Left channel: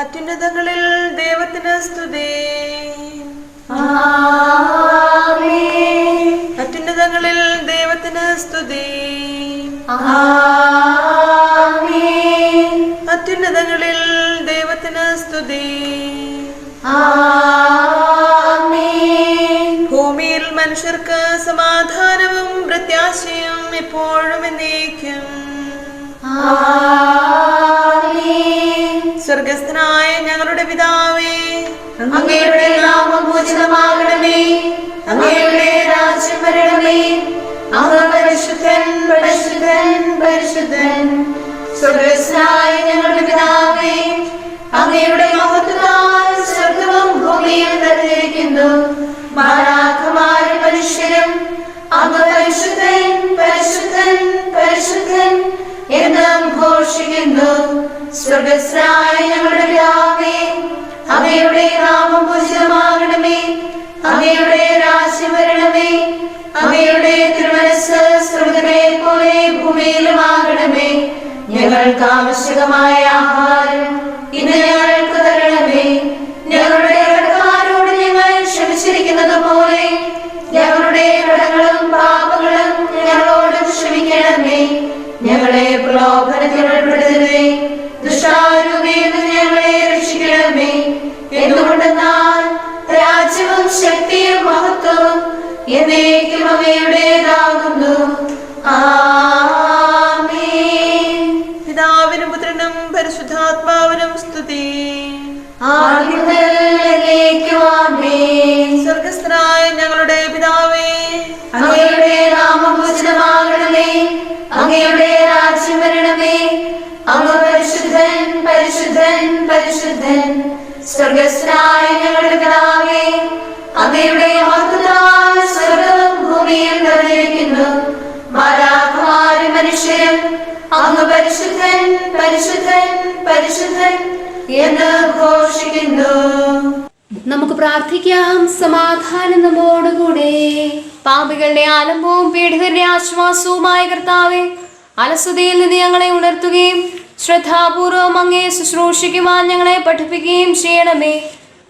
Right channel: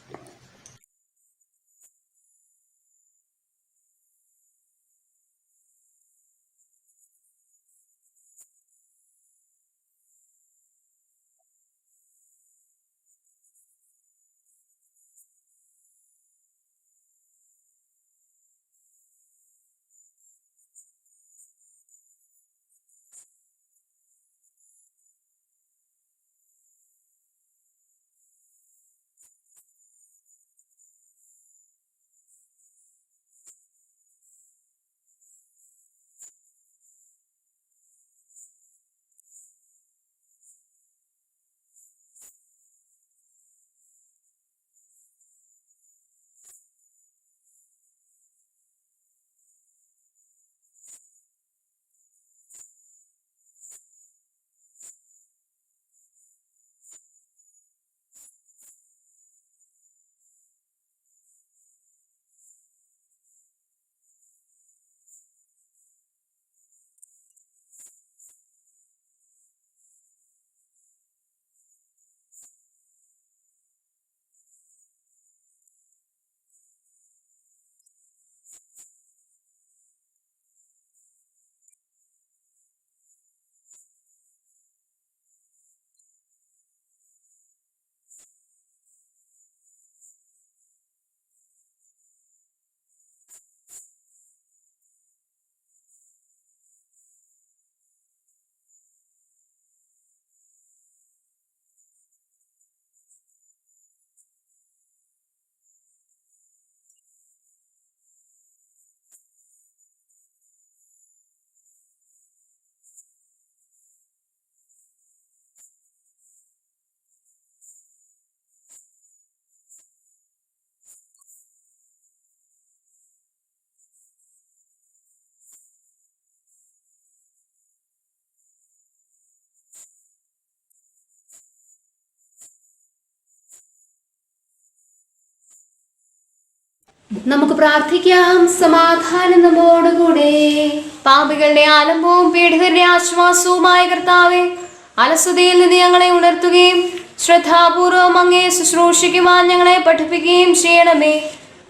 അത്യുന്നതങ്ങളിൽ ദൈവത്തിന് സ്തുതി. അത്യുന്നതങ്ങളിൽ ദൈവത്തിന് സ്തുതി. അത്യുന്നതങ്ങളിൽ ദൈവത്തിന് സ്തുതി. ഭൂമിയിൽ മനുഷ്യർക്ക് സമാധാനവും പ്രത്യാശയും എപ്പോഴും എന്നേക്കും. സ്വർഗസ്ഥനായ ഞങ്ങളുടെ പിതാവേ, അങ്ങയുടെ നാമം പൂജിതമാകണമേ. അങ്ങയുടെ രാജ്യം വരണമേ. അങ്ങ് പരിശുദ്ധൻ, പരിശുദ്ധൻ, പരിശുദ്ധൻ. സ്വർഗസ്ഥനായ ഞങ്ങളുടെ പിതാവേ, അങ്ങയുടെ മഹത്വത്താൽ സ്വർഗവും ഭൂമിയും നിറഞ്ഞിരിക്കുന്നു. മാലാഖമാരും മനുഷ്യരും അങ്ങ് പരിശുദ്ധൻ, പരിശുദ്ധൻ, പരിശുദ്ധൻ എന്ന് ഘോഷിക്കുന്നു. സ്വർഗസ്ഥനായ ഞങ്ങളുടെ പിതാവേ, അങ്ങയുടെ നാമം പൂജിതമാകണമേ. അങ്ങയുടെ രാജ്യം വരണമേ. അങ്ങയുടെ തിരുമനസ്സ് സ്വർഗ്ഗത്തിലെ പോലെ ഭൂമിയിലുമാകണമേ. ഞങ്ങൾക്ക് ആവശ്യകമായ ആഹാരം ഇന്ന് ഞങ്ങൾക്ക് തരണമേ. ഞങ്ങളുടെ കടക്കാരോട് ഞങ്ങൾ ക്ഷമിച്ചിരിക്കുന്നത് പോലെ ഞങ്ങളുടെ കടങ്ങളും പാപങ്ങളും ഞങ്ങളോട് ക്ഷമിക്കണമേ. ഞങ്ങളെ പ്രലോഭനത്തിൽ ഉൾപ്പെടുത്തരുതേ, ദുഷ്ടാരൂപിയിൽ നിന്ന് ഞങ്ങളെ രക്ഷിക്കണമേ. എന്തുകൊണ്ടെന്നാൽ രാജ്യവും ശക്തിയും മഹത്വവും എന്നേക്കും അങ്ങയുടേതാകുന്നു. ആമേൻ. പിതാവിനും പുത്രനും പരിശുദ്ധാത്മാവിനും സ്തുതി. സ്വർഗസ്ഥനായ ഞങ്ങളുടെ പിതാവേ, അങ്ങയുടെ നാമം പൂജിതമാകണമേ. അങ്ങയുടെ രാജ്യം വരണമേ. അങ്ങ് പരിശുദ്ധൻ, പരിശുദ്ധൻ, പരിശുദ്ധൻ. സ്വർഗസ്ഥനായ ഞങ്ങളുടെ പിതാവേ, അങ്ങയുടെ മഹത്വത്താൽ സ്വർഗ്ഗവും ഭൂമിയും നിറഞ്ഞിരിക്കുന്നു. മാലാഖമാരും മനുഷ്യരും അങ്ങ് പരിശുദ്ധൻ, പരിശുദ്ധൻ, പരിശുദ്ധൻ എന്ന് ഘോഷിക്കുന്നു. നമുക്ക് പ്രാർത്ഥിക്കാം. സമാധാനം നമ്മോടുകൂടെ. പാപികളുടെ ആലംബവും പീഡിതരുടെ ആശ്വാസവുമായ കർത്താവേ, അലസതയിൽ നിന്ന് ഞങ്ങളെ ഉണർത്തുകയും ശ്രദ്ധാപൂർവം അങ്ങേ ശുശ്രൂഷിക്കുവാൻ ഞങ്ങളെ പഠിപ്പിക്കുകയും ചെയ്യണമേ.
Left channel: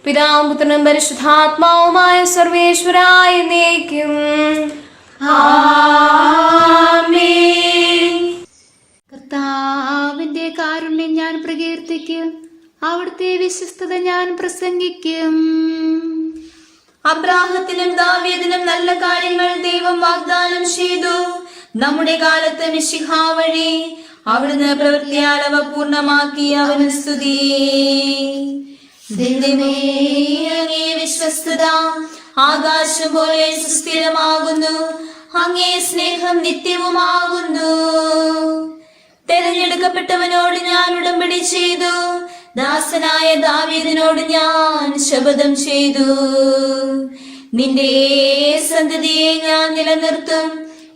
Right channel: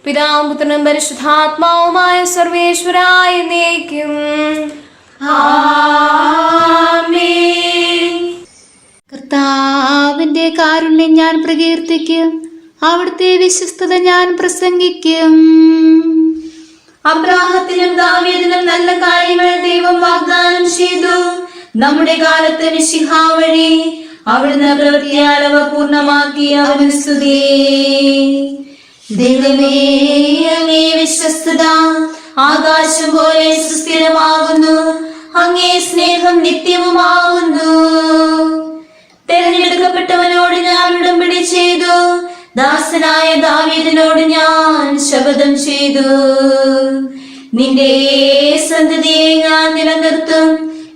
പിതാവും പുത്രനും പരിശുദ്ധാത്മാവുമായ സർവേശ്വരായ എന്നേക്കും. ആമേൻ. കർത്താവിന്റെ കാരുണ്യം ഞാൻ പ്രകീർത്തിക്കും. അവിടുത്തെ വിശ്വസ്തത ഞാൻ പ്രസംഗിക്കും. അബ്രാഹത്തിനും ദാവീദിനും നല്ല കാര്യങ്ങൾ ദൈവം വാഗ്ദാനം ചെയ്തു. നമ്മുടെ കാലത്ത് മിശിഹാ വഴി അവിടുന്ന് പ്രവൃത്തിയാൽ അവ പൂർണ്ണമാക്കി. അവന് സ്തുതി. ദൈവമേ, അങ്ങേ വിശ്വസ്തത ആകാശം പോലെ സുസ്ഥിരമാകുന്നു. അങ്ങേ സ്നേഹം നിത്യവുമാകുന്നു. തെരഞ്ഞെടുക്കപ്പെട്ടവനോട് ഞാൻ ഉടമ്പടി ചെയ്തു. ദാസനായ ദാവീദിനോട് ഞാൻ ശപഥം ചെയ്തു. നിന്റെ സന്തതിയെ ഞാൻ നിലനിർത്തും.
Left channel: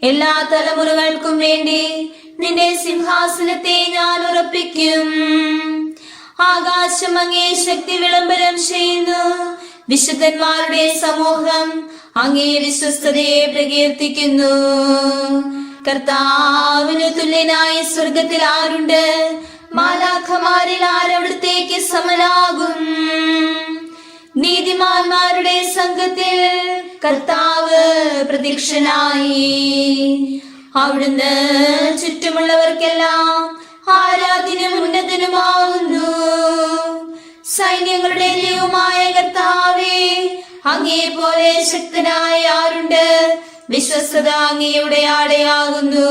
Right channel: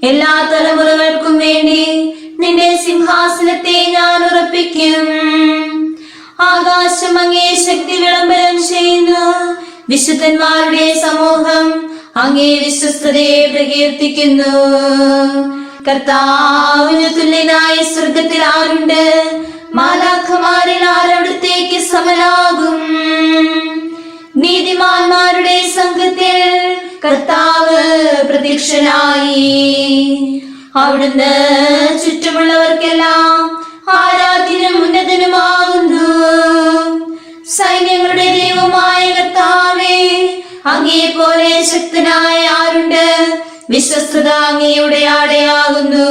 എല്ലാ തലമുറകൾക്കും വേണ്ടി നിന്റെ സിംഹാസനത്തെ ഞാൻ ഉറപ്പിക്കും. ആകാശം അങ്ങേ ശക്തി വിളംബരം ചെയ്യുന്നു. വിശുദ്ധന്മാരുടെ സമൂഹം അങ്ങേ വിശ്വസ്തതയെ പ്രകീർത്തിക്കുന്നു. കർത്താവിന് തുല്യനായ സ്വർഗത്തിൽ ആരുണ്ട്? മാലാഖമാരിൽ ആരവിടത്തേക്ക് സമനാകും? നീതിമാന്മാരുടെ സംഘത്തിൽ കർത്താവ് പ്രത്യക്ഷനായി. അവിടുന്ന് ചുറ്റുമുള്ളവർക്കെല്ലാം ആരാധ്യനും ഉന്നതനുമാകുന്നു. സൈന്യങ്ങളുടെ ദൈവമായ കർത്താവേ, അങ്ങേ പോലെ ശക്തനായ ആരുണ്ട്? വിശ്വസ്തത അങ്ങയുടെ ആടയാകുന്നു.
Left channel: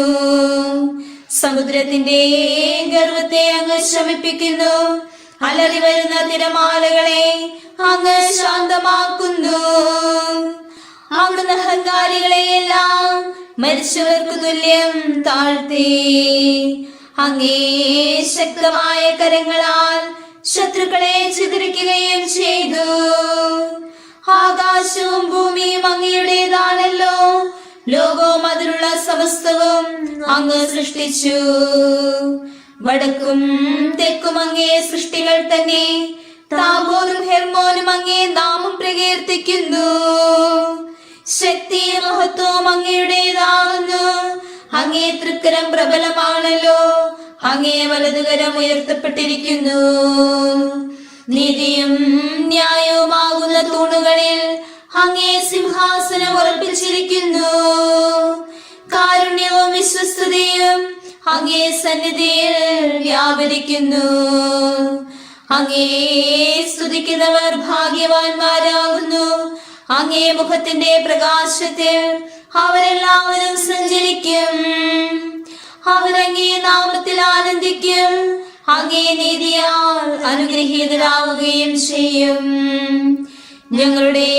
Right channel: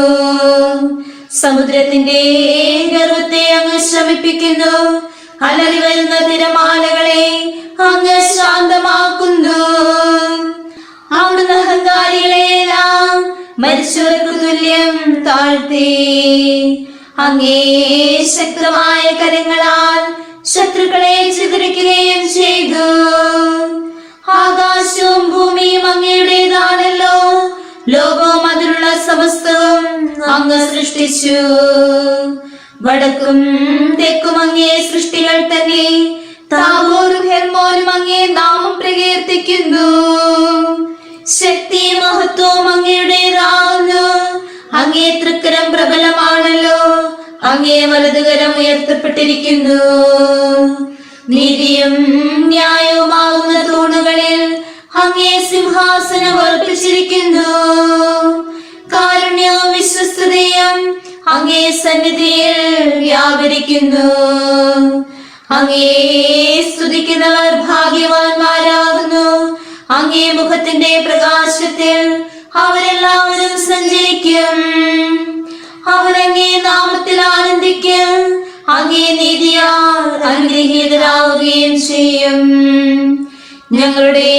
സമുദ്രത്തിന്റെ ഗർവത്തെ അങ്ങ് ശമിപ്പിക്കുന്നു. അലറി വരുന്ന തിരമാലകളെ അങ്ങ് ശാന്തമാക്കുന്നു. അവിടുന്ന് അഹങ്കാരികളെയെല്ലാം മരിച്ചവർക്ക് തുല്യം താഴ്ത്തി. അങ്ങേ ശക്തമായ കരങ്ങളാൽ ശത്രുക്കളെ ചിതറിക്കുകയും ചെയ്തു. ആകാശവും ഭൂമിയും അങ്ങയുടേതാണല്ലോ. ലോകവും അതിലുള്ള സമസ്തവും അങ്ങ് സൃഷ്ടിച്ചു. വടക്കും തെക്കും അങ്ങേ സൃഷ്ടികൾ തന്നെ. താബോറും ഹെർമോനും അങ്ങേ നാമം പ്രകീർത്തിക്കുന്നു. ശക്തി മഹത്വവും അങ്ങയുടേതാകുന്നു. അങ്ങേ തൃക്കരം പ്രബലമാണല്ലോ. അങ്ങേ വലതുകരം ഉയർത്തപ്പെട്ടിരിക്കുന്നു. നീതിയും ന്യായവുമാകുന്ന തൂണുകളിൽ അങ്ങേ സിംഹാസനം ഉറപ്പിച്ചിരിക്കുന്നു. കാരുണ്യവും വിശ്വസ്തതയും അങ്ങേ സന്നിധിയിൽ വ്യാപരിക്കുന്നു. അങ്ങേ സ്തുതിക്കുന്നവർ ഭാഗ്യവാന്മാരാകുന്നു. അങ്ങേ മുഖത്തിന്റെ പ്രകാശത്തിൽ അവരെല്ലാവരും സഞ്ചരിക്കും. അവരങ്ങേ നാമത്തിൽ ആനന്ദിക്കും. അങ്ങേ നീതിയാൽ അനുഗ്രഹീതരാവുകയും ചെയ്യും. ഞങ്ങളുടെ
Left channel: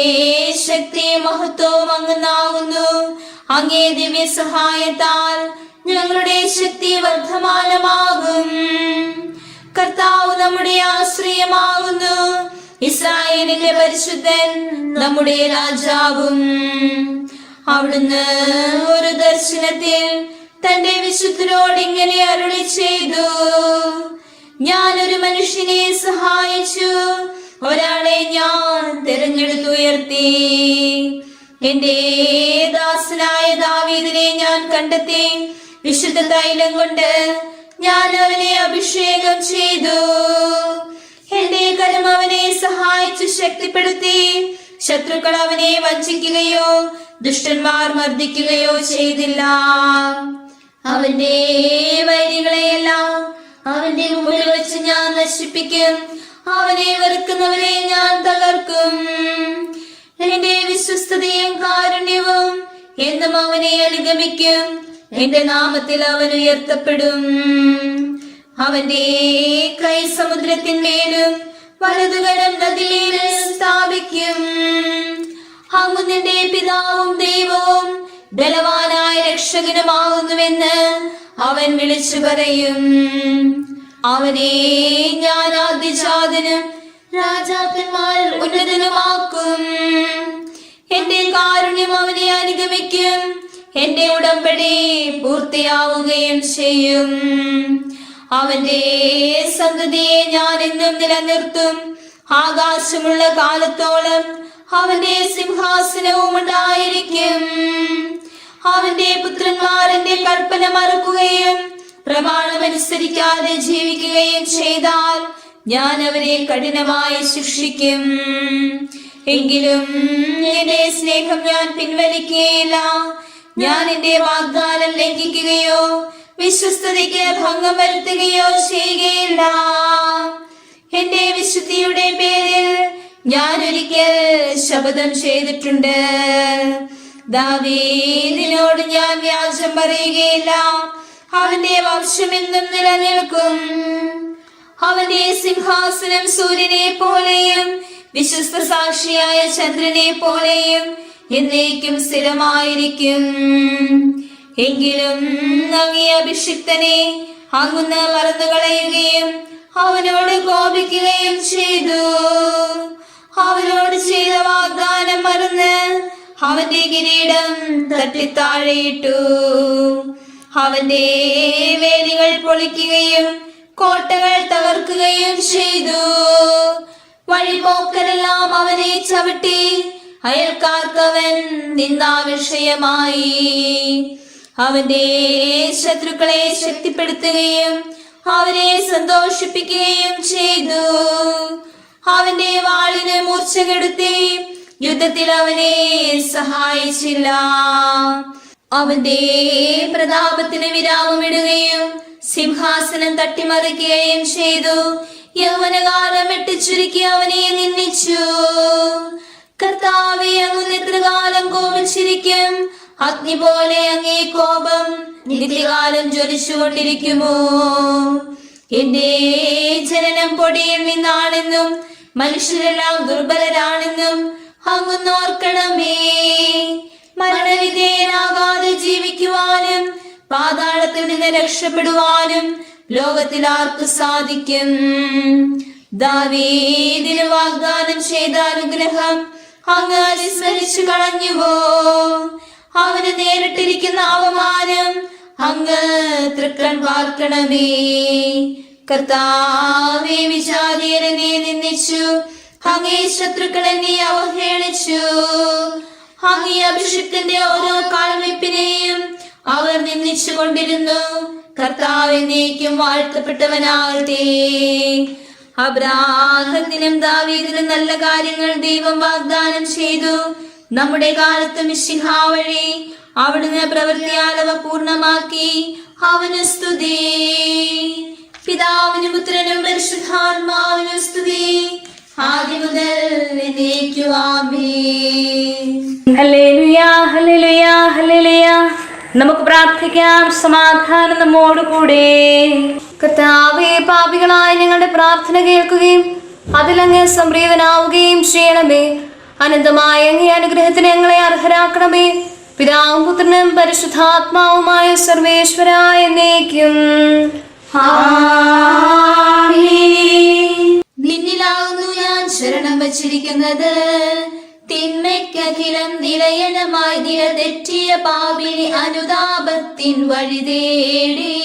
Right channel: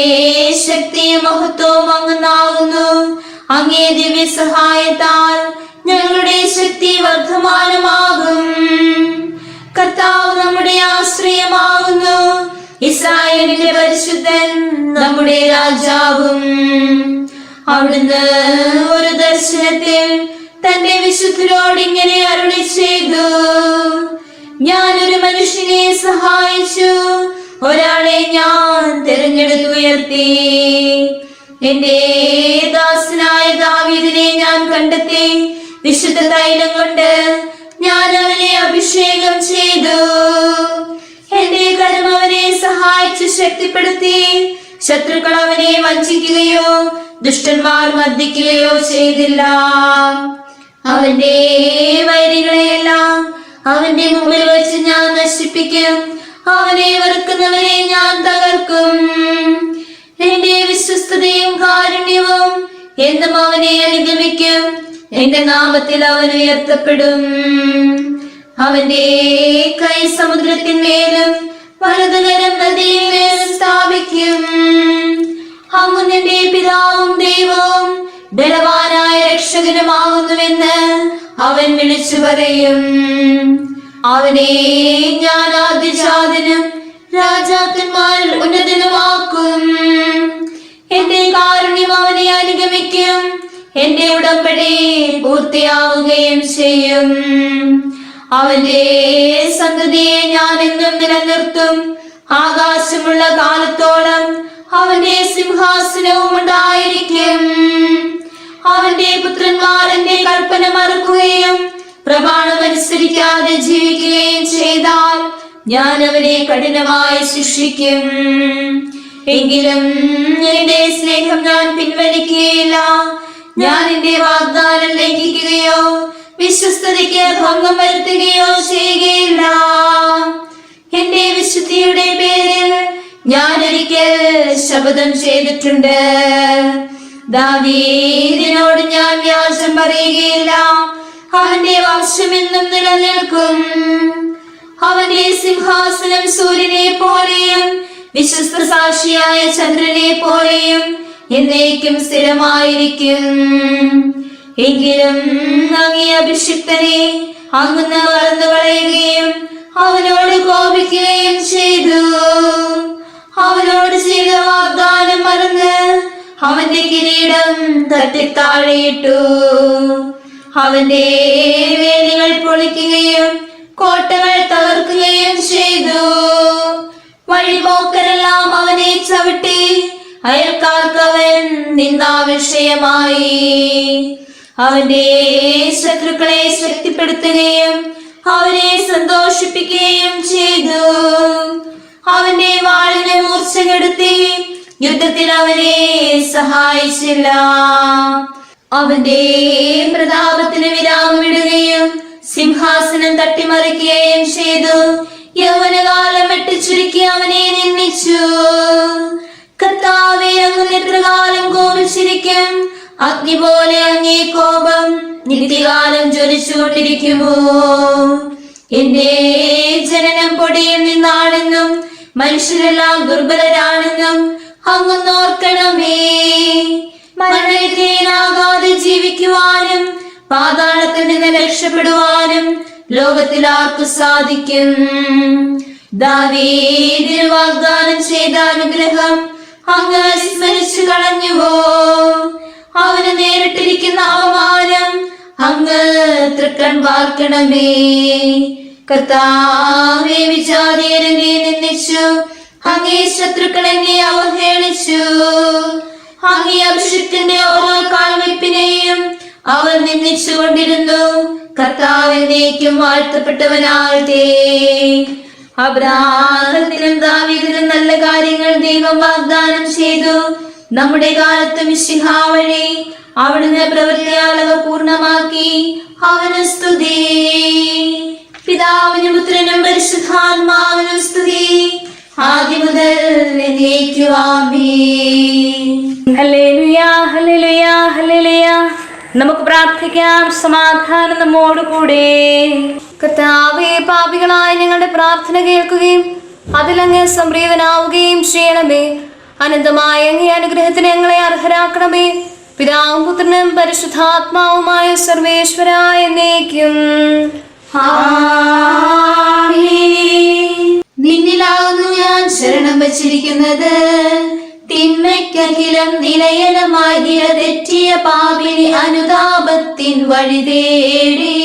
ശക്തിയും മഹത്വവും അങ്ങുന്നാകുന്നു. അങ്ങേ ദിവ്യ സഹായത്താൽ ഞങ്ങളുടെ ശക്തി വർദ്ധമാനമാകും. കർത്താവ് നമ്മുടെ ആശ്രയമാകുന്നു. ഇസ്രായേലിന്റെ പരിശുദ്ധൻ നമ്മുടെ രാജാവും. അവിടുന്ന് ഒരു ദർശനത്തിൽ തന്റെ വിശുദ്ധരോട് ഇങ്ങനെ അരുളി ചെയ്തു: ഞാനൊരു മനുഷ്യനെ സഹായിച്ചു, ഒരാളെ ഞാൻ തിരഞ്ഞെടുത്തുയർത്തി. എന്റെ ദാസനായ ദാവീദിനെ ഞാൻ കണ്ടെത്തി. വിശുദ്ധ തൈലം കൊണ്ട് ഞാൻ അവനെ അഭിഷേകം ചെയ്തു. എന്റെ കരം അവനെ സഹായിച്ചു ശക്തിപ്പെടുത്തി. ശത്രുക്കൾ അവനെ വഞ്ചിക്കുകയോ ദുഷ്ടന്മാർ മർദ്ദിക്കുകയോ ചെയ്തില്ല. അവന്റെ വൈരികളെയെല്ലാം അവന്റെ മുമ്പിൽ വെച്ച് ഞാൻ നശിപ്പിക്കും. അവനെ വെറുക്കുന്നവരെ ഞാൻ തകർക്കും. എന്റെ വിശ്വസ്തതയും കാരുണ്യവും എന്നും അവനെ അനുഗമിക്കും. എന്റെ നാമത്തിൽ അവൻ ഉയർത്തപ്പെടും. അവന്റെ കൈ സമുദ്രത്തിന്മേലും വലതുകരം നദിയിന്മേലും സ്ഥാപിക്കും. അങ്ങ് നിന്റെ പിതാവും ദൈവവും ബലവാനായ രക്ഷകനുമാകുന്നുവെന്ന് അവൻ വിളിച്ചു പറയും. അവനെ ഞാൻ ആദ്യജാതനും രാജാക്കന്മാരിൽ ഉന്നതനുമാക്കും. എന്റെ കാരുണ്യം അവനെ അനുഗമിക്കും. എന്റെ ഉടമ്പടി പൂർത്തിയാവുകയും ചെയ്യും. അവന്റെ സന്തതിയെ ഞാൻ എന്നും നിലനിർത്തും. ആകാശമുള്ള കാലത്തോളം അവന്റെ സിംഹാസനവും ഉണ്ടായിരിക്കും. അവന്റെ പുത്രന്മാർ എന്റെ കൽപ്പന മറക്കുകയും പ്രമാണമനുസരിക്കാതെ ജീവിക്കുകയും ചെയ്താൽ ഞാൻ അവനെ കഠിനമായി ശിക്ഷിക്കും. എങ്കിലും എന്റെ സ്നേഹം ഞാൻ പിൻവലിക്കുകയില്ല. ഞാൻ എന്റെ വാഗ്ദാനം ലംഘിക്കുകയോ വിശ്വസ്തതയ്ക്ക് ഭംഗം വരുത്തുകയോ ചെയ്യുകയില്ല. എന്റെ വിശുദ്ധിയുടെ പേരിൽ ഞാൻ ഒരിക്കൽ ശപഥം ചെയ്തിട്ടുണ്ട്. ദാവീദിനോട് ഞാൻ വ്യാജം പറയുകയില്ല. അവന്റെ വംശം എന്നും നിലനിൽക്കും. അവന്റെ സിംഹാസനം സൂര്യനെ പോലെയും വിശ്വസ്ത സാക്ഷിയായ ചന്ദ്രനെ പോലെയും എന്നേക്കും സ്ഥിരമായിരിക്കും. എങ്കിലും അങ്ങേ അഭിഷിക്തനെ അങ്ങ് മറന്നു കളയുകയും അവനോട് കോപിക്കുകയും ചെയ്തു. അവനോട് ചെയ്ത വാഗ്ദാനം മറന്ന് അവന്റെ കിരീടം തട്ടിത്താഴെയിട്ടു. അവന്റെ വേലികൾ പൊളിക്കുകയും കോട്ടകൾ തകർക്കുകയും ചെയ്തു. വഴിപോക്കരെല്ലാം അവനെ ചവിട്ടി. അയൽക്കാർക്ക് അവൻ നിന്ദാവിഷയമായി. അവന്റെ ശത്രുക്കളെ ശക്തിപ്പെടുത്തുകയും അവരെ സന്തോഷിപ്പിക്കുകയും ചെയ്തു. അവന്റെ വാളിന് മൂർച്ച കെടുത്തി യുദ്ധത്തിൽ അവനെ സഹായിച്ചില്ല. അവന്റെ പ്രതാപത്തിന് വിരാമമിടുകയും സിംഹാസനം തട്ടിമറിക്കുകയും ചെയ്തു. യൗവനകാലം വെട്ടിച്ചുരുക്കി അവനെ നിന്ദിച്ചു. കർത്താവേ, അങ്ങ് എത്രകാലം കോപിച്ചിരിക്കും? അഗ്നി പോലെ അങ്ങേ കോപം നിത്യകാലം ജ്വലിച്ചുകൊണ്ടിരിക്കുമോ? എന്റെ ജനനം പൊടിയിൽ നിന്നാണെന്നും മനുഷ്യരെല്ലാം ദുർബലരാണെന്നും അങ്ങൊന്നോർക്കണമേ. മരണവിധേയനാകാതെ ജീവിക്കുവാനും പാതാളത്തിൽ നിന്ന് രക്ഷപ്പെടുവാനും ലോകത്തിൽ ആർക്ക് സാധിക്കും? ദാവീദിന് വാഗ്ദാനം ചെയ്ത അനുഗ്രഹം അങ്ങ് വിസ്മരിച്ചു കളഞ്ഞുവോ? അവന് നേരിട്ടിരിക്കുന്ന അവമാനം അങ്ങ് തൃക്കൺ പാർക്കണമേ. കർത്താവേ, വിജാതീയരെ നീ നിന്ദിച്ചു. അങ്ങേ ശത്രുക്കൾ എന്നെ അവഹേളിച്ചു. അങ്ങേ അഭിഷിക്തന്റെ ഓരോ കാൽവെപ്പിനെയും അവർ നിന്ദിച്ചുകൊണ്ടിരുന്നു. കർത്താവ് എന്നേക്കും വാഴ്ത്തപ്പെട്ടവനാകട്ടെ. അബ്രാഹത്തിനും ദാവീദിനും നല്ല കാര്യങ്ങൾ ദൈവം വാഗ്ദാനം ചെയ്തു. നമ്മുടെ കാലത്ത് മിശിഹാ വഴി അവിടുന്ന് പ്രവൃത്തിയാൽ അവ പൂർണ്ണമാക്കി. അവന് സ്തുതി. പിതാവിനും പുത്രനും പരിശുദ്ധാത്മാവിനും സ്തുതി, ആദ്യം മുതൽ എന്നേക്കും ആമേൻ. ഹല്ലേലൂയ, ഹല്ലേലൂയ, ഹല്ലേലൂയ. നമുക്ക് പ്രാർത്ഥിക്കാം. സമാധാനം നമ്മോടുകൂടെ. കർത്താവേ, പാപികളായ ഞങ്ങളുടെ പ്രാർത്ഥന കേൾക്കുകയും അതിലങ്ങ് സംപ്രീതനാവുകയും ചെയ്യണമേ. അനന്തമായ അങ്ങേ അനുഗ്രഹത്തിന് ഞങ്ങളെ അർഹരാക്കണമേ. പിതാവും പുത്രനും പരിശുദ്ധാത്മാവുമായ സർവേശ്വരായ എന്നേക്കും നിന്നിലാവുന്നു ഞാൻ ശരണം വച്ചിരിക്കുന്നത്. തിന്മയ്ക്കഖിലം നിലയനമായി നിലതെറ്റിയ പാപിനി അനുതാപത്തിൻ വഴി തേടി.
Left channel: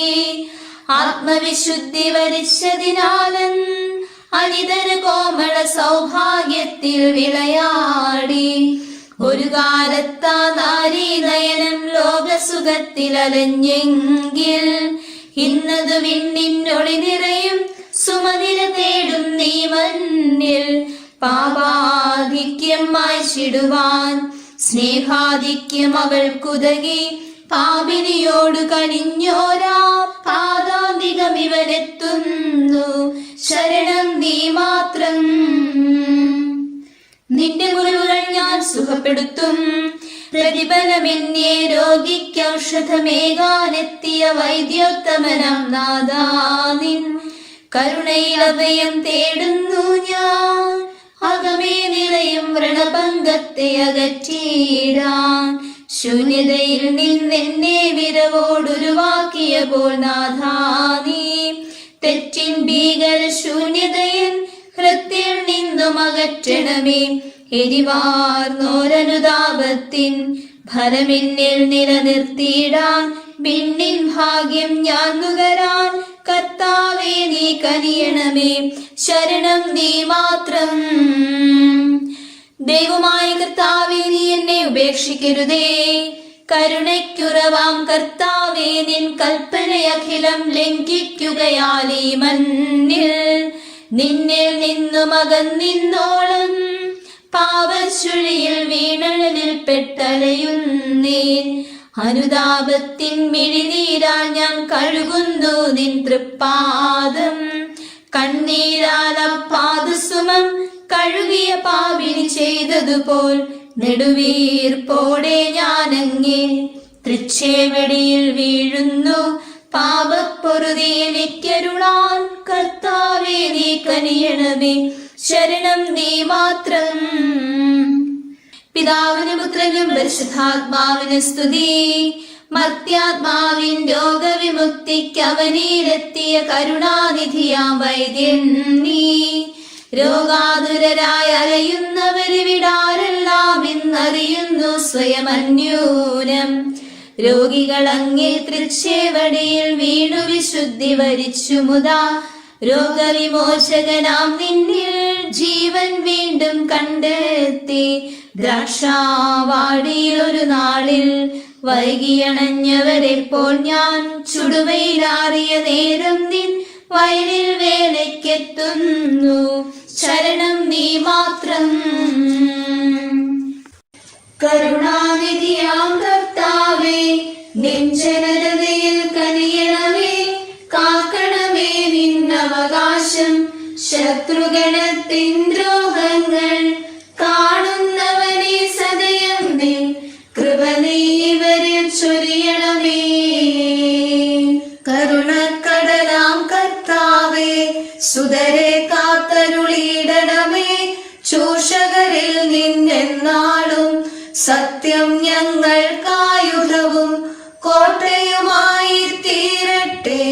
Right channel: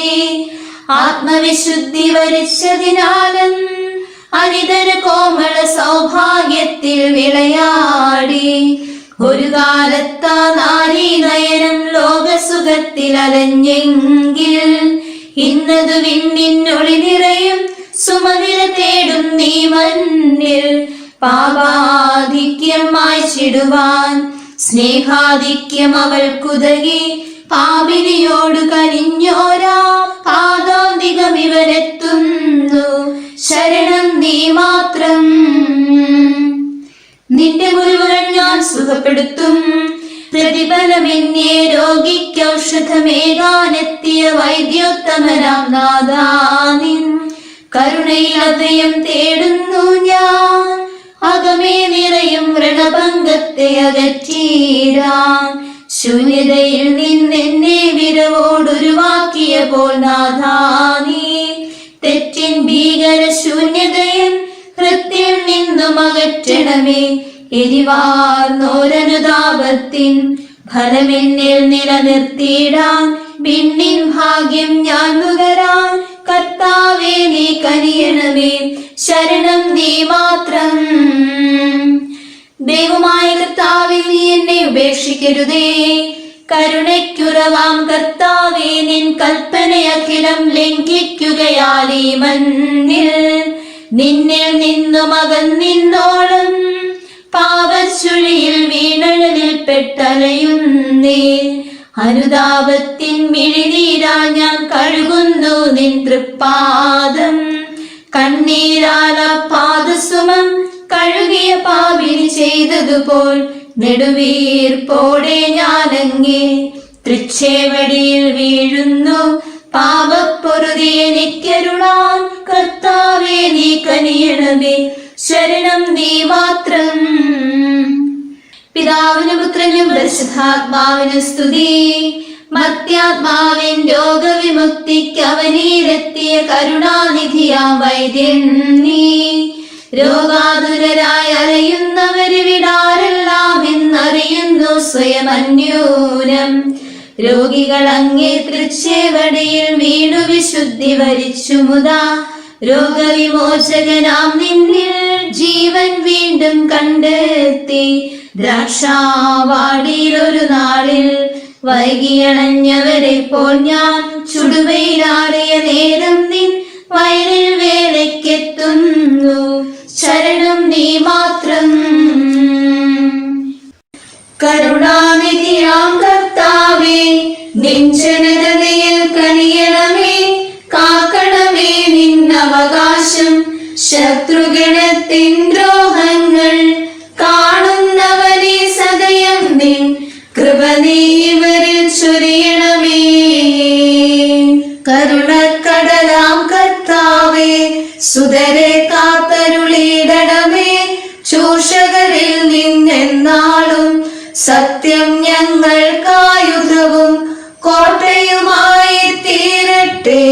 ആത്മവിശുദ്ധി വരിച്ചതിനാലും അനിതര കോമള സൗഭാഗ്യത്തിൽ വിളയാടി. ഒരു കാലത്താ നാരീ നയനം ലോകസുഖത്തിൽ അലഞ്ഞെങ്കിൽ ഇന്നതു വിണ്ണിനൊളി നിറയും സുമവില തേടും നീ മണ്ണിൽ. പാപാധിക്യം മായ്ച്ചിടുവാൻ സ്നേഹാധിക്യം അവൾക്കുതകി. പാപിനിയോട് കനിഞ്ഞോരാ പാദാന്തികം ഇവനെത്തുന്നു. ശരണം നീ മാത്രം. നിന്റെ മുറിവുകൾ ഞാൻ സുഖപ്പെടുത്തും. പ്രതിഫലമെന്നേ രോഗിക്ക് ഔഷധമേകാനെത്തിയ വൈദ്യോത്തമനാം നാദാനിൻ കരുണയിൽ അഭയം തേടുന്നു ഞാൻ. അകമേ നിറയും വ്രണഭംഗത്തെ അകറ്റീരാൻ. ശൂന്യതയിൽ നിന്നെന്നെ വിരവോടൊരുവാക്കിയപ്പോൾ നാഥാനീ തെറ്റിൻ ഭീകര ശൂന്യതയൻ ഹൃത്തിൽ നിന്നും അകറ്റണമേ. എരിവാർന്നോരനുതാപത്തിൻ ഫലമെന്നിൽ നിലനിർത്തിയിടാൻ. പിന്നിൻ ഭാഗ്യം ഞാൻ നുകരാൻ കർത്താവേ നീ കനിയണമേ. ശരണം നീ മാത്രം. ദൈവമായ കർത്താവേ നീ എന്നെ ഉപേക്ഷിക്കരുതേ. കരുണയ്ക്കുറവാം കർത്താവേ നിൻ കൽപ്പനയഖിലം ലംഘിക്കുകയാൽ ഈ മണ്ണിൽ നിന്നിൽ നിന്നും അകന്നിന്നോളം പാപച്ചുഴിയിൽ വീണഴലിൽ പെട്ടലയുന്നേ. അനുതാപത്തിൻ മിഴിനീരാ ഞാൻ കഴുകുന്നു നിൻ തൃപ്പാദം. കണ്ണീരാല പാദസുമം കഴുകിയ പാപിനി ചെയ്തതുപോൽ നെടുവീർപ്പോടെ ഞാനങ്ങേ തൃച്ചേവടിയിൽ വീഴുന്നു. പാപപ്പൊറുതി എനിക്കരുളാൻ കർത്താവേ നീ കനിയണമേ. ശരണം നീ മാത്രം. പിതാവിനും പുത്രനും പരിശുദ്ധാത്മാവിന് സ്തുതി. മർത്യാത്മാവിൻ രോഗവിമുക്തിക്ക് അവനിലെത്തിയ കരുണാനിധിയാം വൈദ്യൻ നീ. രോഗാതുരരായി അലയുന്നവരിവിടാരെല്ലാം എന്നറിയുന്നു സ്വയം അന്യൂനം. രോഗികൾ അങ്ങേ തൃച്ചേവടിയിൽ വീണു വിശുദ്ധി വരിച്ചു മുതാ. രോഗവിമോചകനാം നിന്നിൽ ജീവൻ വീണ്ടും കണ്ടെത്തി. ദ്രാക്ഷാവാടിയിൽ ഒരു നാളിൽ വൈകിയണഞ്ഞവരെ പോൽ ഞാൻ ചുടുവയിലാറിയ നേരം നിൻ വയലിൽ വേലയ്ക്കെത്തുന്നു. ശരണം നീ മാത്രം. കരുണാനിധിയാം കർത്താവേ നിൻ ജനതയിൽ കനിയണമേ. കാക്കണമേ നിന്നവകാശം. ശത്രുഗണത്തിൻ ദ്രോഹങ്ങൾ കാണുന്നവനെ സദയം നിൻ കൃപ നീ ഇവരിൽ ചൊരിയണമേ. കരുണക്കടലാം കർത്താവേ സുതരെ കാത്തരുളിയിടണമേ. ചൂഷകരിൽ നിന്നെന്നാളും സത്യം ഞങ്ങൾക്കായുധവും കോട്ടയുമായി തീരട്ടെ.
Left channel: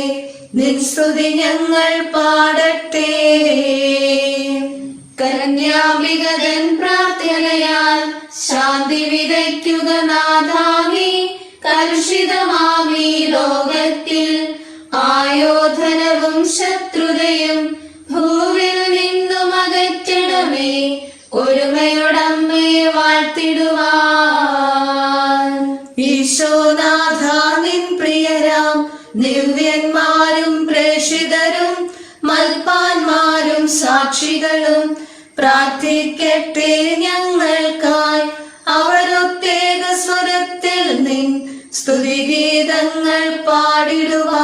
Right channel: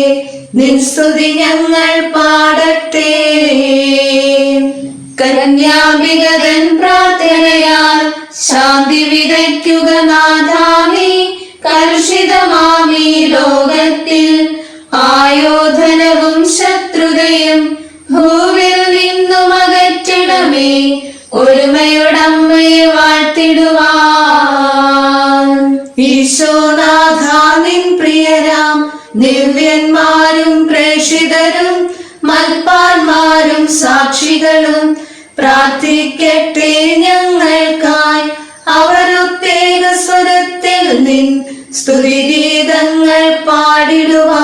നിൻ സ്തുതി ഞങ്ങൾ പാടട്ടെ. കന്യാംബികതൻ പ്രാർത്ഥനയാൽ ശാന്തി വിതയ്ക്കുക നാഥാനീ. കലുഷിതമാമീ ലോകത്തിൽ ആയോധനവും ശത്രുതയും ഭൂവിൽ നിന്നും അകറ്റണമേ. ഒരുമയോടമ്മയെ വാഴ്ത്തിടുവാൻ ഈശോനാഥ നിൻ പ്രിയരാം ദിവ്യന്മാരും പ്രേഷിതരും മൽപ്പാന്മാരും ഞങ്ങളും പ്രാർത്ഥിക്കട്ടെ ഞങ്ങൾക്കായി. അവരുത്തേക സ്വരത്തിൽ നിൻ സ്തുതിഗീതങ്ങൾ പാടിടുവാൻ.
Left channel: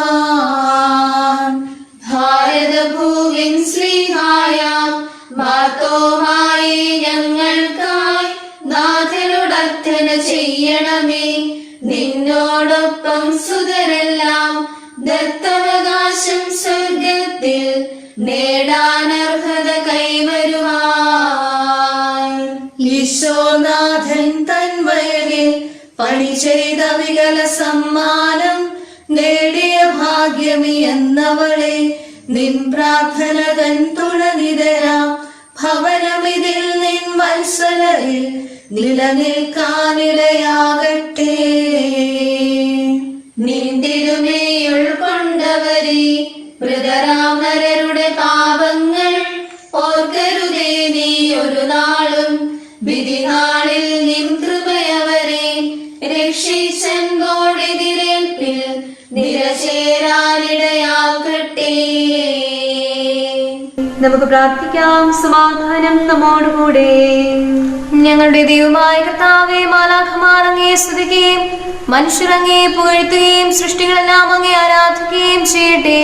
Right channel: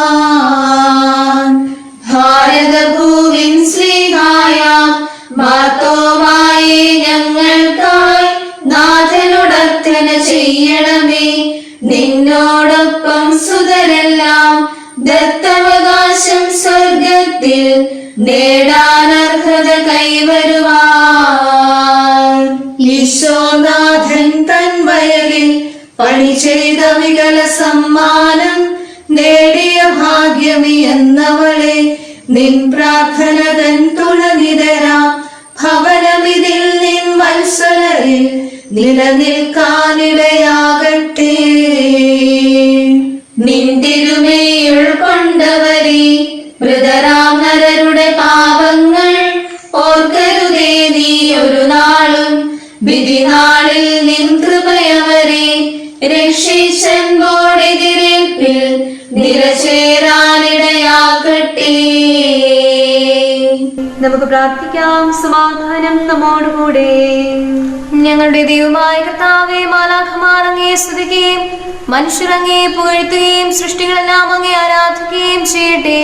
ഭാരതഭൂവിൻ ശ്രീഹായാം മാർത്തോമായി ഞങ്ങൾക്കായി നാഥനോടർത്ഥന ചെയ്യണമേ. നിന്നോടൊപ്പം സുതരെല്ലാം ദത്തവകാശം സ്വർഗത്തിൽ നേടാനർഹത കൈവരുവാൻ. ഈശോനാഥൻ തൻ വയലിൽ പണി ചെയ്ത വികല സമ്മാനം നേടിയ ഭാഗ്യമി എന്നവളെ നിൻ പ്രാർത്ഥന തൻ തുണനിതരാ ഭവനമിതിൽ നിൻ വത്സലരിൽ നിലനിൽക്കാനിടയാകട്ടെ. നിന്തിരുമേയുൾ കൊണ്ടവരെ മൃതരാം നരരുടെ പാപങ്ങൾ ഓർക്കരുതേ നീ ഒരു നാളും. വിധിനാളിൽ നിൻ കൃപയവരെ രക്ഷിച്ചൻപോടെതിരേൽപ്പിൽ നിരചേരാനിടയാക്കട്ടെ. നമുക്ക് പ്രാർത്ഥിക്കാം. സമാധാനം നമ്മോടുകൂടെ. ഞങ്ങളുടെ ദൈവമായ കർത്താവേ, മാലാഖമാർ അങ്ങയെ സ്തുതിക്കുകയും മനുഷ്യർ അങ്ങയെ പുകഴ്ത്തുകയും സൃഷ്ടികളെല്ലാം അങ്ങയെ ആരാധിക്കുകയും ചെയ്യട്ടെ.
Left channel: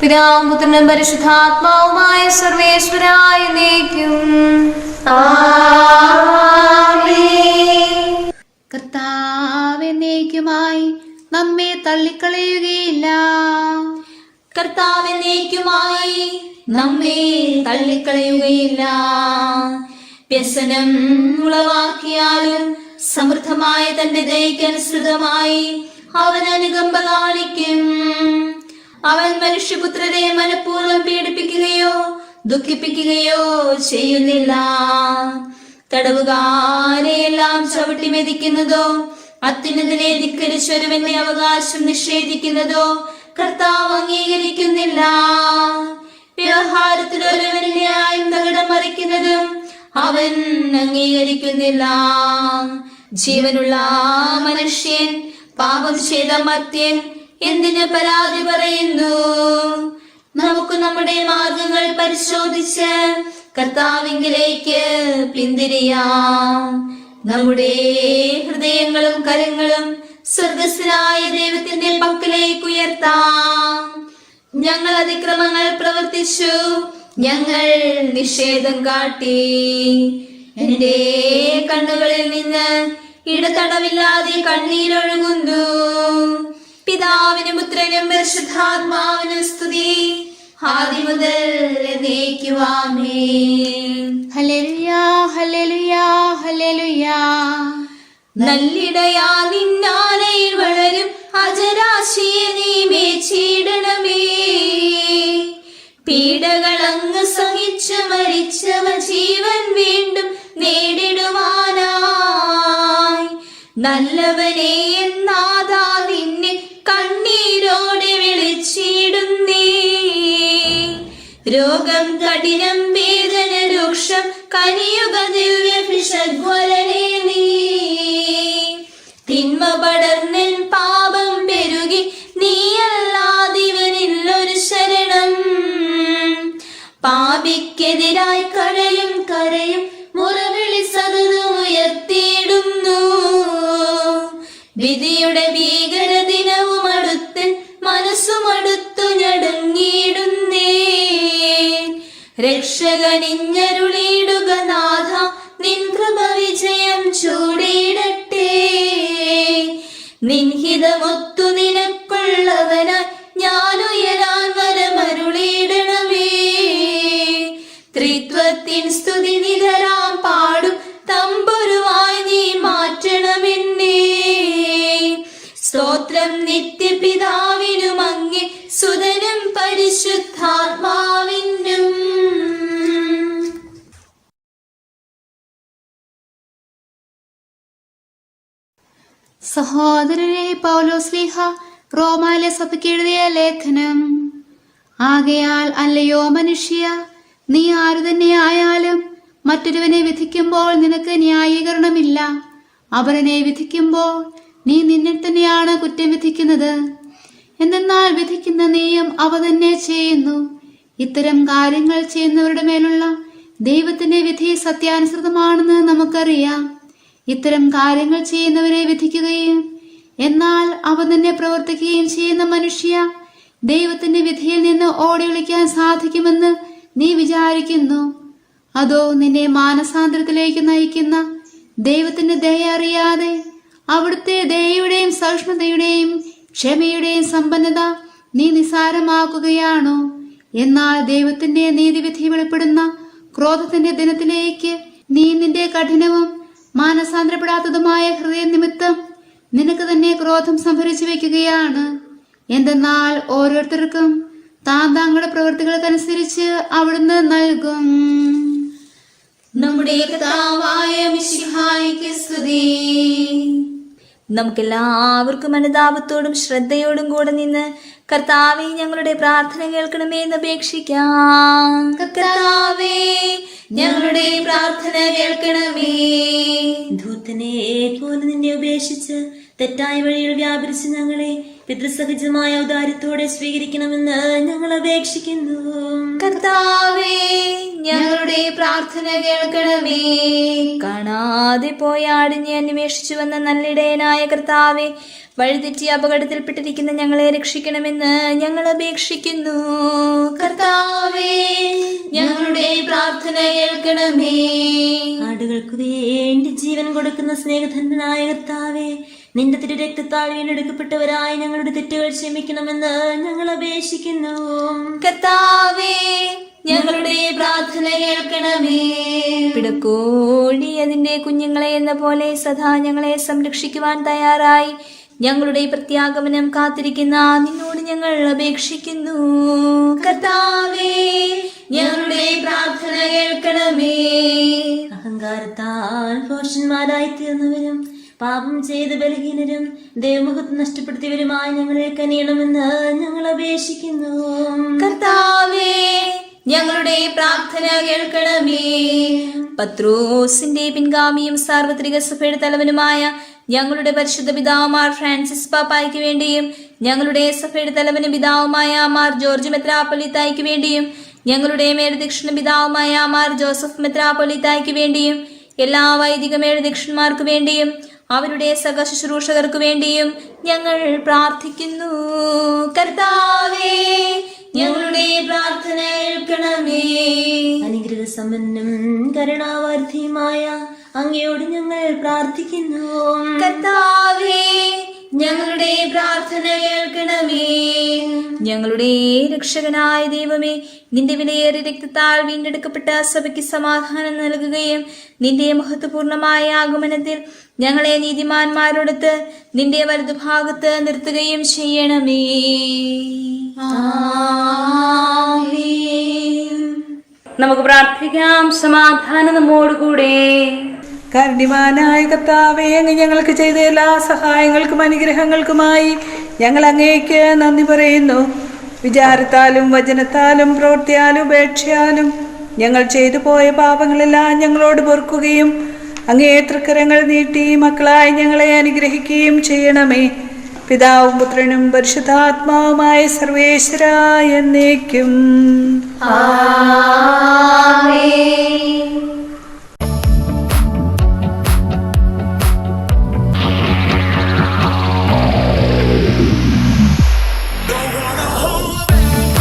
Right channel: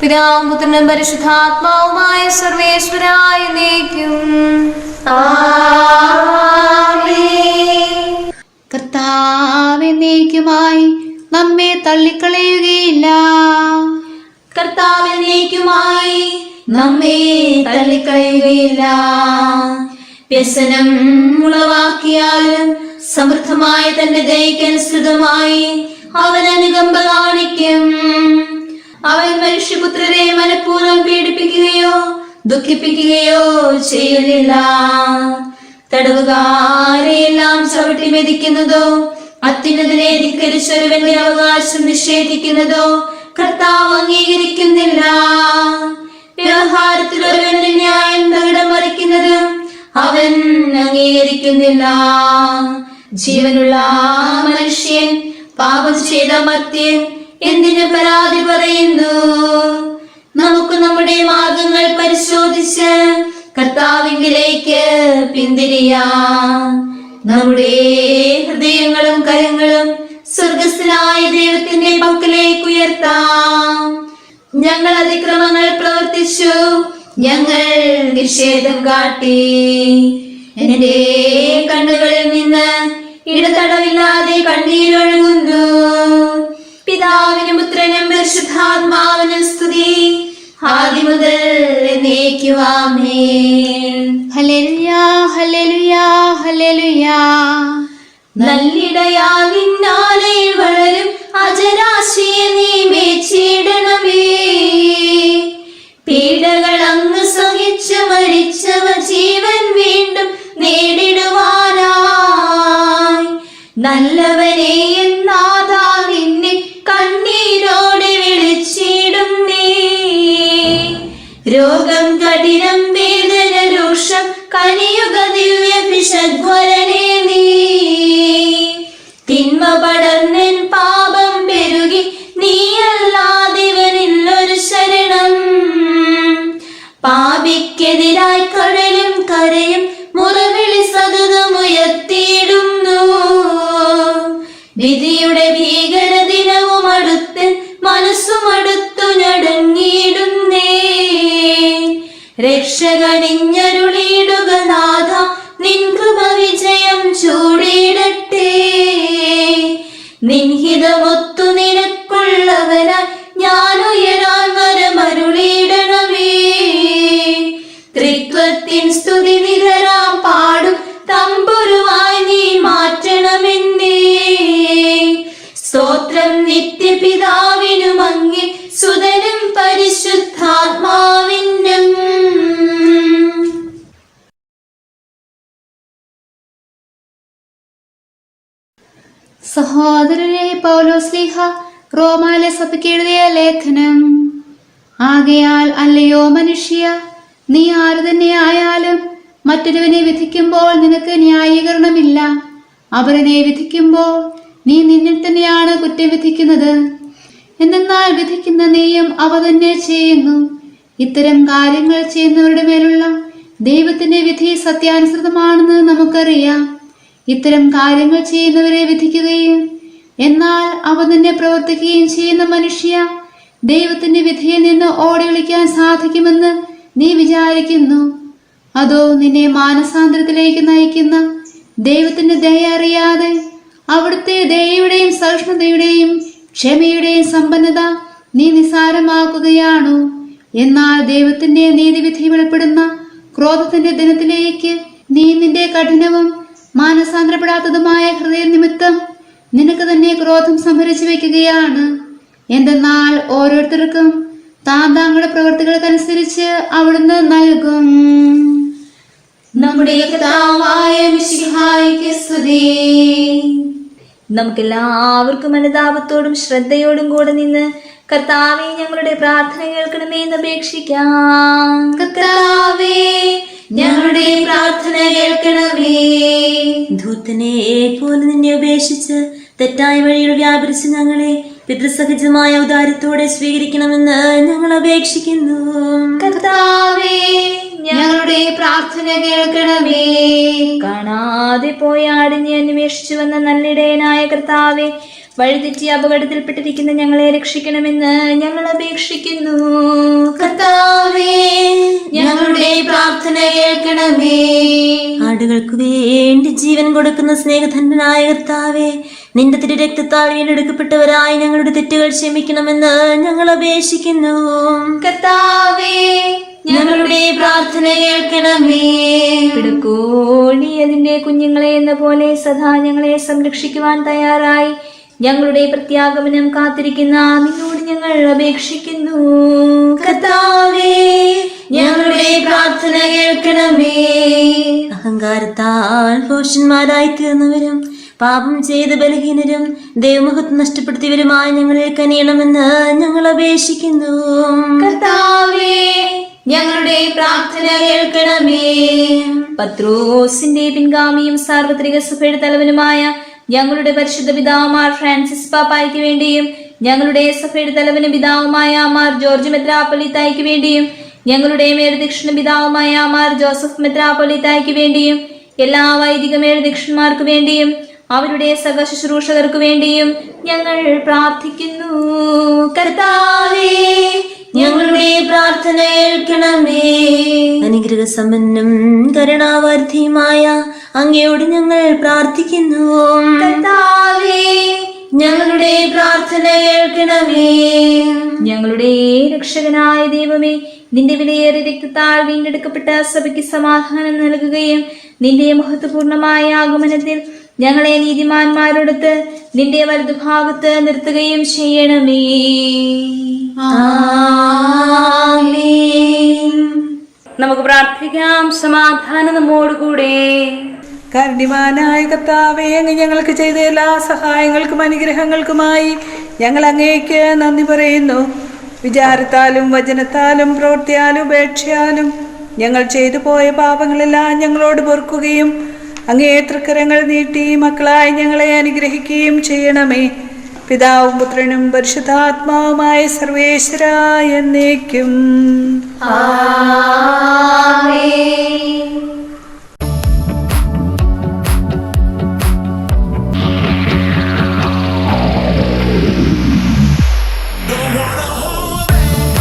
പിതാവും പുത്രനും പരിശുദ്ധാത്മാവുമായ സർവേശ്വരായ എന്നേക്കും ആമേൻ. കർത്താവ് എന്നേക്കുമായി നമ്മെ തള്ളിക്കളയുകയില്ല. കർത്താവ് എന്നേക്കുമായി നമ്മെ തള്ളിക്കളയുകയില്ല. വ്യസനം ഉളവാക്കിയാലും സമൃദ്ധമായ തന്റെ ദയക്കനുസൃതമായി അവൻ അനുകമ്പ കാണിക്കും. അവൻ മനുഷ്യപുത്രരെ മനഃപൂർവ്വം പീഡിപ്പിക്കുകയോ ദുഃഖിപ്പിക്കുകയോ ചെയ്യുന്നില്ല. തടവുകാരെയെല്ലാം ചവിട്ടി മെതിക്കുന്നതോ അത്യുന്നതനെ ധിക്കരിച്ചൊരുവന്റെ അവകാശം നിഷേധിക്കുന്നതോ കർത്താവ് അംഗീകരിക്കുന്നില്ല. വ്യവഹാരത്തിൽ ഒരുവന്റെ ന്യായം തകിടം മറിക്കുന്നതും അവൻ അംഗീകരിക്കുന്നില്ല. ജീവനുള്ള മനുഷ്യൻ പാപം ചെയ്ത മർത്യൻ എന്തിന് പരാതി പറയുന്നു? നമുക്ക് നമ്മുടെ മാർഗങ്ങൾ പരിശോധിച്ച് കർത്താവിങ്കിലേക്ക് പിന്തിരിയാം. നമ്മുടെ ഹൃദയങ്ങളും കരങ്ങളും സ്വർഗസ്ഥനായ ദൈവത്തിന്റെ പക്കലേക്ക് ഉയർത്താം. ഞങ്ങൾ അതിക്രമങ്ങൾ പ്രവർത്തിച്ചു, ഞങ്ങൾ നിഷേധം കാട്ടി. എന്റെ കണ്ണുകളിൽ നിന്ന് ഇടതടവില്ലാതെ കണ്ണീരൊഴുകുന്നു. പിതാവിനും പുത്രനും പരിശുദ്ധാത്മാവിനും സ്തുതി, ആദി മുതൽ എന്നേക്കും ആമേൻ. ഹല്ലേലൂയ, ഹല്ലേലൂയ, ഹല്ലേലൂയ. നല്ലിടയാ നിന്നാലയിൽ വളരും അജരാശിയെ നീ മേച്ചിടണമേ. പീഡകൾ അങ്ങ് സഹിച്ചു മരിച്ചവ ജീവൻ വീണ്ടും നേടിടുവാനായി. നല്ലവനെ എന്നാഥാ നിന്നെ കണ്ണീരോടെ വിളിച്ചിടും നീ. രോഗം കഠിനം വേദന രൂക്ഷം കനിയുക ദിവ്യ പിശദ്വരനെ നീ. തിന്മ പടർന്നിൻ പാപം പെരുകി നീയല്ലാതിവനില്ലൊരു ശരണം. പാപിക്കെതിരായി കടലും കരയും മുറവിളി സതതമുയർത്തിയിടുന്നു. വിധിയുടെ ഭീകര ദിനവും അടുത്ത് മനസ്സുമടുത്തു ഞടങ്ങിയിടുന്നേ. രക്ഷകനിഞ്ഞരുളിയിടുക നാഥ, നിൻ കൃപ വിജയം ചൂടിയിടട്ടെ. നിൻഹിതമൊത്തു നിനക്കുള്ളവനായി ഞാനുയരാൻ വരമരുളിയിടണമേ. ത്രിത്വത്തിൻ സ്തുതി നികരാം പാടും തമ്പുരുവായി നീ മാറ്റണമെന്നേ. സ്തോത്രം നിത്യപിതാവിനും അങ്ങേ സുതനും പരിശുദ്ധാത്മാവിനും. സഹോദരരെ, പൗലോസ്ലീഹ റോമാലെ സഭയ്ക്ക് എഴുതിയ ലേഖനം. ആകയാൽ അല്ലയോ മനുഷ്യ, നീ ആരു തന്നെ ആയാലും മറ്റൊരുവനെ വിധിക്കുമ്പോൾ നിനക്ക് ന്യായീകരണമില്ല. അവരനെ വിധിക്കുമ്പോൾ നീ നിന്നെ തന്നെയാണ് കുറ്റം വിധിക്കുന്നത്. എന്തെന്നാൽ വിധിക്കുന്ന നീയും അവ തന്നെ ചെയ്യുന്നു. ഇത്തരം കാര്യങ്ങൾ ചെയ്യുന്നവരുടെ മേലുള്ള ദൈവത്തിന്റെ വിധി സത്യാനുസൃതമാണെന്ന് നമുക്കറിയാം. ഇത്തരം കാര്യങ്ങൾ ചെയ്യുന്നവരെ വിധിക്കുകയും എന്നാൽ അവ തന്നെ പ്രവർത്തിക്കുകയും ചെയ്യുന്ന മനുഷ്യ, ദൈവത്തിന്റെ വിധിയിൽ നിന്ന് ഓടി ഒളിക്കാൻ സാധിക്കുമെന്ന് നീ വിചാരിക്കുന്നു? അതോ നിന്നെ മാനസാന്തരത്തിലേക്ക് നയിക്കുന്ന ദൈവത്തിന്റെ ദയ അറിയാതെ അവിടുത്തെ ദയയുടെയും സഹിഷ്ണുതയുടെയും ക്ഷമയുടെയും സമ്പന്നത നീ നിസാരമാക്കുകയാണോ? എന്നാൽ ദൈവത്തിന്റെ നീതിവിധി വെളിപ്പെടുന്ന ക്രോധത്തിന്റെ ദിനത്തിലേക്ക് നീ നിന്റെ കഠിനവും മാനസാന്തരപ്പെടാത്തതുമായ ഹൃദയ നിമിത്തം നിനക്ക് തന്നെ ക്രോധം സംഭരിച്ചു വെക്കുകയാണ്. എന്തെന്നാൽ ഓരോരുത്തർക്കും താങ്കളുടെ പ്രവൃത്തികൾക്കനുസരിച്ച് അവിടുന്ന് നൽകും. നമ്മുടെ കർത്താവായ മിശിഹായിക്ക് സ്തുതി. നമുക്കെല്ലാവർക്കും അനുതാപത്തോടും ശ്രദ്ധയോടും കൂടെ നിന്ന് കർത്താവേ, ഞങ്ങളുടെ പ്രാർത്ഥന കേൾക്കണമേ എന്ന് അപേക്ഷിക്കാം. കർത്താവേ, ഞങ്ങളുടെ പ്രാർത്ഥന കേൾക്കണമേ. ധൂർത്തനെ പോലെ നിന്നെ ഉപേക്ഷിച്ച് തെറ്റായ വഴിയിൽ വ്യാപരിച്ച് ഞങ്ങളെ പിതൃസഹജമായ ഔദാര്യത്തോടെ സ്വീകരിക്കണമെന്ന് ഞങ്ങൾ അപേക്ഷിക്കുന്നു. കർത്താവേ, ഞങ്ങളുടെ പ്രാർത്ഥന കേൾക്കണമേ. കാണാതെ പോയ ആടിനെ അന്വേഷിച്ചു വന്ന നല്ലിടയനായ കർത്താവേ, വഴിതെറ്റി അപകടത്തിൽപ്പെട്ടിരിക്കുന്ന ഞങ്ങളെ രക്ഷിക്കണമെന്ന് ഞങ്ങൾ അപേക്ഷിക്കുന്നു. കർത്താവേ, ഞങ്ങളുടെ പ്രാർത്ഥന കേൾക്കണമേ. ആടുകൾക്ക് വേണ്ടി ജീവൻ കൊടുക്കുന്ന സ്നേഹധന്യനായ കർത്താവേ, നിന്റെ തിരു രക്തത്താൽ വീണ്ടെടുക്കപ്പെട്ടവരായി ഞങ്ങളുടെ തെറ്റുകൾ ക്ഷമിക്കണമെന്ന് ഞങ്ങൾ അപേക്ഷിക്കുന്നു. കർത്താവേ, ഞങ്ങളുടെ പ്രാർത്ഥന കേൾക്കണമേ. പിടക്കോഴി അതിന്റെ കുഞ്ഞുങ്ങളെ എന്ന പോലെ സദാ ഞങ്ങളെ സംരക്ഷിക്കുവാൻ തയ്യാറായി ഞങ്ങളുടെ പ്രത്യാഗമനം കാത്തിരിക്കുന്ന നിന്നോട് ഞങ്ങൾ അപേക്ഷിക്കുന്നു. കർത്താവേ, ഞങ്ങളുടെ പ്രാർത്ഥന കേൾക്കണമേ. അഹങ്കാരത്താൽ ഭോഷന്മാരായി തീർന്നവരും പാപം ചെയ്ത ബലഹീനരും ദൈവമഹത്വം നഷ്ടപ്പെടുത്തിയവരുമായി ഞങ്ങളെ കനിയണമെന്ന് ഞങ്ങൾ അപേക്ഷിക്കുന്നു. കർത്താവേ, ഞങ്ങളുടെ പ്രാർത്ഥന കേൾക്കണമേ. പത്രോസിന്റെ പിൻഗാമിയും സാർവത്രിക സഭയുടെ തലവനുമായ ഞങ്ങളുടെ പരിശുദ്ധ പിതാവുമാർ ഫ്രാൻസിസ് പാപ്പായ്ക്ക് വേണ്ടിയും ഞങ്ങളുടെ സഭയുടെ തലവനും പിതാവുമായ മാർ ജോർജ് മെത്രാപ്പൊലീത്തായ്ക്ക് വേണ്ടിയും ഞങ്ങളുടെ മേൽദക്ഷിണ പിതാവുമായ മാർ ജോസഫ് മെത്രാപ്പൊലീത്തായ്ക്ക് വേണ്ടിയും എല്ലാ വൈദിക മേൽദക്ഷന്മാർക്ക് വേണ്ടിയും അവരുടെ സഹ ശുശ്രൂഷകർക്ക് വേണ്ടിയും ഞങ്ങൾ പ്രാർത്ഥിക്കുന്നു. കർത്താവേ, ഞങ്ങളുടെ പ്രാർത്ഥന കേൾക്കണമേ. അനുഗ്രഹ സമ്പന്നം കരുണാവർദ്ധിയുമായ അങ്ങയോട് ഞങ്ങൾ പ്രാർത്ഥിക്കുന്നു. കർത്താവേ, ഞങ്ങളുടെ പ്രാർത്ഥന കേൾക്കണമേ. ഞങ്ങളുടെ രക്ഷകനായ ദൈവമേ, നിന്റെ വിലയേറിയ രക്തത്താൽ വീണ്ടെടുക്കപ്പെട്ട സഭയ്ക്ക് സമാധാനം നൽകുകയും നിന്റെ മഹത്വപൂർണമായ ആഗമനത്തിൽ ഞങ്ങളെ നീതിമാന്മാരോടൊത്ത് നിന്റെ വലതുഭാഗത്ത് നിർത്തുകയും ചെയ്യണമേ. നമുക്ക് പ്രാർത്ഥിക്കാം. സമാധാനം നമ്മോടുകൂടെ. കാരുണ്യവാനായ കർത്താവേ, അങ്ങ് ഞങ്ങൾക്ക് ചെയ്ത എല്ലാ സഹായങ്ങൾക്കും അനുഗ്രഹങ്ങൾക്കുമായി ഞങ്ങൾ അങ്ങേക്ക് നന്ദി പറയുന്നു. വിചാരത്താലും വചനത്താലും പ്രവൃത്തിയാലും ഉപേക്ഷയാലും ഞങ്ങൾ ചെയ്തു പോയ പാപങ്ങളെല്ലാം ഞങ്ങളോട് പൊറുക്കുകയും അങ്ങേ തൃക്കരങ്ങൾ നീട്ടി മക്കളായി ഞങ്ങളെ അനുഗ്രഹിക്കുകയും ചെയ്യണമേ. പിതാവും പുത്രനും പരിശുദ്ധാത്മാവുമായ സർവേശ്വരായ എന്നേക്കും.